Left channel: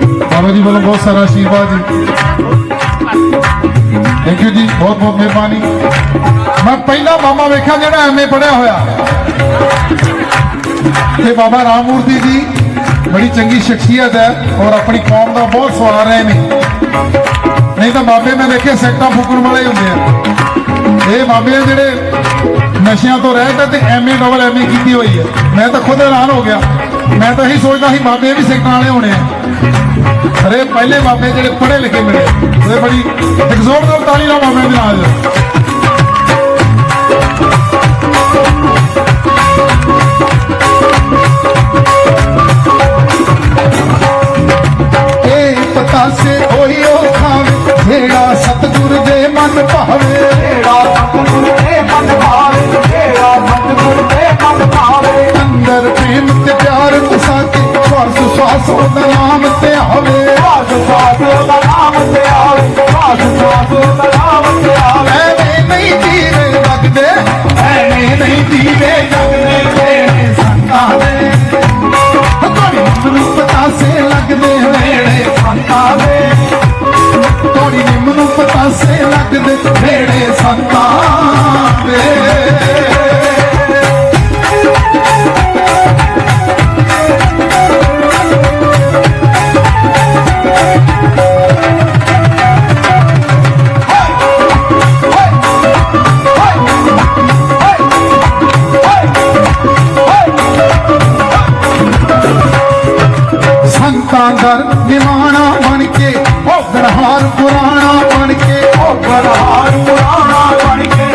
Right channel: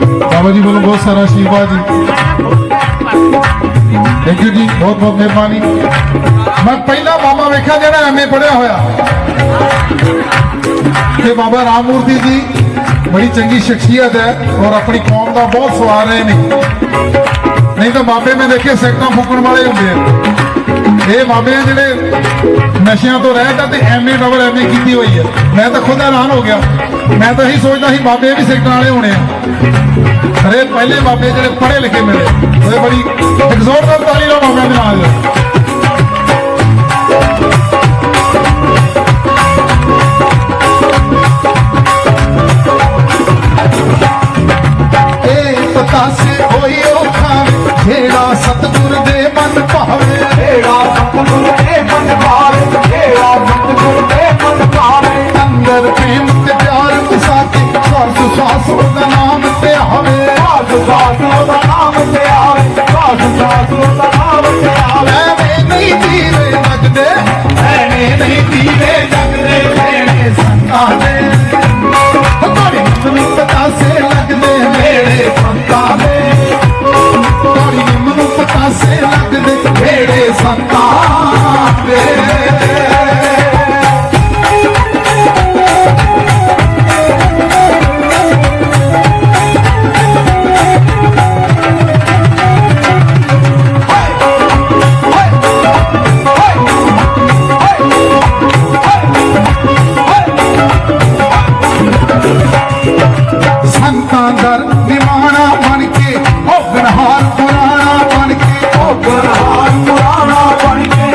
ਬਾਬਾ ਜੀ ਵੱਲੋਂ ਬਹੁਤ ਸਾਰਾ ਆਸ਼ੀਰਵਾਦ ਜੀ। ਥੈਂਕ ਯੂ ਜੀ, ਬਹੁਤ ਬਹੁਤ ਮਿਹਰਬਾਨੀ। ਮੈਂ ਪਹਿਲਾ ਮਾਮਾ ਵੇਖਿਆ ਜਿਹੜਾ ਐਮਏ ਪੜਿਆ ਹੋਇਆ। ਤੇ ਬਾਬਾ ਰਾਮਮੂਰਤੀ ਜੀ ਬੜੀ ਚੰਗੀ ਸ਼ਖਸੀਅਤ ਹੈ ਔਰ ਆਪਣੀ ਕੌਮ ਦਾ ਬਹੁਤ ਸਵਾਰ ਰਹੇ ਨੇ। ਨਹੀਂ ਤਾਂ ਬਾਬੇ ਮੈਂ ਦੇਖੇ ਸੈਕਟਾਂ ਫੂਕਣ ਵਾਲੇ ਹੁੰਦੇ ਆ। ਇਹ ਬਾਬੇ ਜਿਹੜੇ ਨਸ਼ਿਆਂ ਤੋਂ ਰਹਿ ਕੇ ਤੇ ਐਮਏ ਡਬਲ ਐਮਏ ਕੀਤੀ ਹੋਈ ਹੈ ਮੈਂ ਤਾਂ ਖੁਦ ਹੈਰਾਨ ਹੋ ਗਿਆ। ਮੈਂ ਤਾਂ ਇਹੀ ਸੋਚਦਾ ਸੀ ਬਾਬੇ ਵੀ ਸੈਕਟਾਂ ਵਾਲੇ ਹੋਣੇ ਆ। ਅਰੇ ਪਹਿਲੇ ਬਾਬੇ ਜਿਹੜੇ ਪੜ੍ਹੇ ਲਿਖੇ ਮਿਲੇ। ਇਹ ਬੜੀ ਐਗਜ਼ੋਰ ਨਾਲ ਤਾਲੀ ਨਾਲ ਬਾਬੇ ਦੇ ਨਾਲ ਦਿਓ ਇਹ ਜਿਹੜਾ ਸਤਿਗੁਰ ਦੇ ਮਨ ਭਾਵੇ। Hey, ਸੰਤਾਂ ਦਰ ਨਿਵਾਣਾ ਬਣ ਕੇ ਉਹ ਗਰਹਾਰ ਪੁਰਾਣਾ ਬਣ ਕੇ। ਬਨਹਾਰ ਪੁਰਾਣਾ ਬਣ ਕੇ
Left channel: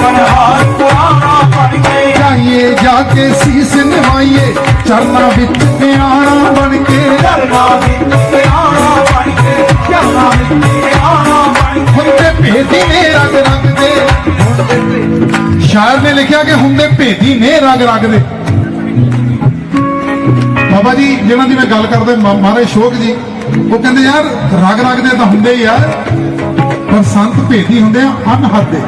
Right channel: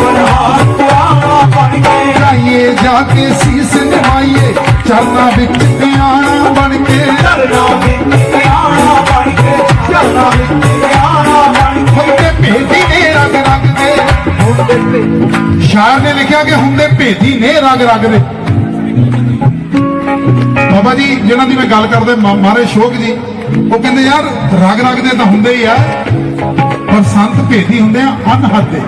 ਬਨਹਾਰ ਪੁਰਾਣਾ ਬਣ ਕੇ। ਜਾਈਏ ਜਾ ਕੇ ਸੀਸ ਨਿਵਾਈਏ ਚਰਨਾਂ ਵਿੱਚ ਧਿਆਨ ਬਣ ਕੇ। ਕਰਨਾ ਵਿੱਚ ਪਿਆਣਾ ਬਣ ਕੇ ਕਰਨਾ ਵਿੱਚ ਪਿਆਣਾ ਬਣ ਕੇ। ਹੁੰਦੇ ਭੇਦੀ ਨੇ ਰੰਗ ਰੰਗ ਦੇ। ਸ਼ਾਇਰ ਨੇ ਲਿਖਿਆ ਕਿ ਹੁੰਦੇ ਭੇਦੀ ਨੇ ਰੰਗ ਰੰਗ ਦੇ। ਬਾਬਾ ਜੀ, ਜਿਹਨਾਂ ਦੀ ਮੈਂ ਗੱਲ ਕਰਦੇ ਮਾ- ਮਹਾਰਾਜ ਸ਼ੋਕ ਜੀ, ਉਹ ਕਹਿੰਦੇ ਯਾਰ ਰਗ ਰੰਗ ਦੇ ਤਾਂ ਹੁੰਦੇ ਹੀ ਆ, ਪਰ ਸੰਤ ਭੇਦੀ ਹੁੰਦੇ ਆ, ਅਨਹਦ ਦੇ।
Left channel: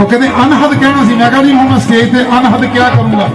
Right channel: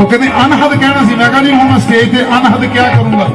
ਉਹ ਕਹਿੰਦੇ ਅਨਹਦ ਕਹਿਣਾ ਸੀ, ਮੈਂ ਕਿਹਾ ਜੀ ਹੁਣ ਮੈਂ ਸਟੇਜ ਤੇ ਅਨਹਦ ਕਿਆ ਕਰੂੰਗਾ?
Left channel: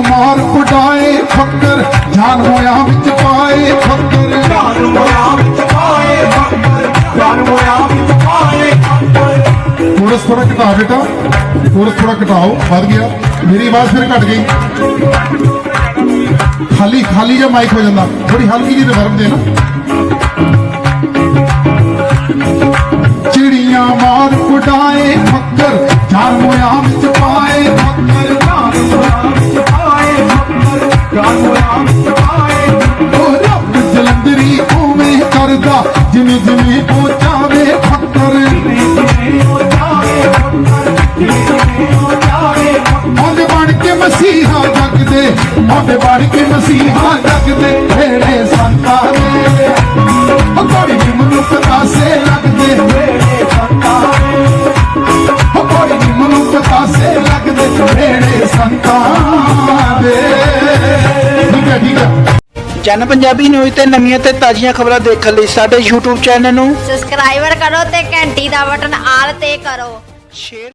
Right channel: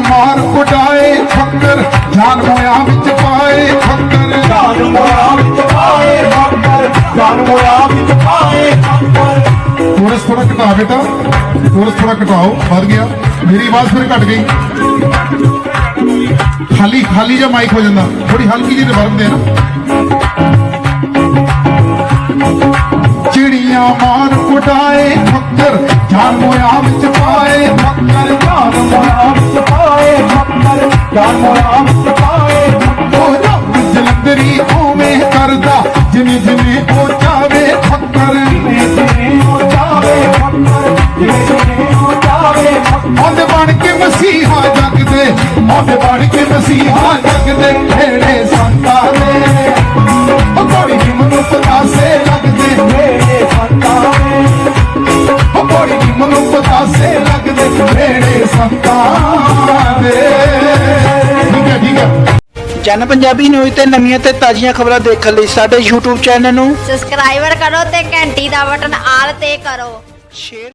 ਮਾਰ ਕੁਟਾਏ ਫੱਕਰ ਜਾਨ ਹੋਇਆ ਘਟਾ ਬੇਟਾ ਕੋਰਸ ਥੋੜਾ ਘਟਾਓ, ਵੱਧ ਗਿਆ। ਮੇਰੀ ਆਵਾਜ਼ ਫਿਰ ਘਟ ਗਈ। ਖਾਲੀ ਖਾਲੀ ਜਿਹਾ ਮਾਈਕ ਹੋ ਜਾਂਦਾ। ਥੋੜੀ ਹਲਕੀ ਜਿਹੀ ਰਿਵਰਬ ਦੇ ਚਿੜੀਆਂ ਮਾਰ ਉਡਾਏ ਫੱਕਰ ਜਾਨ ਹੋਇਆ ਵਿੱਚ ਪਾਏ ਫੱਕਰ ਜਾਨ ਮੋਇਆ ਵਿੱਚ ਪਾਏ ਫੱਕਰ ਜਾਨ ਮੋਇਆ ਵਿੱਚ ਪਾਏ ਉਹ ਰੱਬ ਜਲੰਦਰੀ ਉਵੇਂ ਕਰਦਾ ਜਿਵੇਂ ਜਿਵੇਂ ਉਹਦੇ ਬਣ ਕੇ ਮਸੀਹਾ ਜਗ ਦੇ ਢੇਰੇ ਸੰਤਾਂ ਦੇ ਉਹ ਕੋੜੀ ਦੀ ਮਨੁੱਖ ਪਾਸੇ ਲੱਗਦੇ ਤੇਰੇ ਸੰਤਾਂ ਦੇ ਉਹ ਕੋੜੀ ਦੀ ਮਨੁੱਖ ਪਾਸੇ ਲੱਗਦੇ ਢੇਰੇ ਸੰਤਾਂ ਦੇ ਠੀਕ ਹੈ ਠੀਕ ਹੈ। ਜਨ ਪੰਜਾਬੀ ਨਿਊਜ਼ ਤੇ ਨਵੀਆਂ ਤੇ ਤਾਜ਼ੀਆਂ ਖਬਰਾਂ ਦੇਖਣ ਲਈ ਸਾਡੇ YouTube ਚੈਨਲ ਨੂੰ ਸਬਸਕ੍ਰਾਈਬਰ ਕਰੋ ਤੇ ਘੰਟੀ ਦਾ ਬਟਨ ਆਲ ਤੇ ਕਰੋ। ਸ਼ੇਅਰ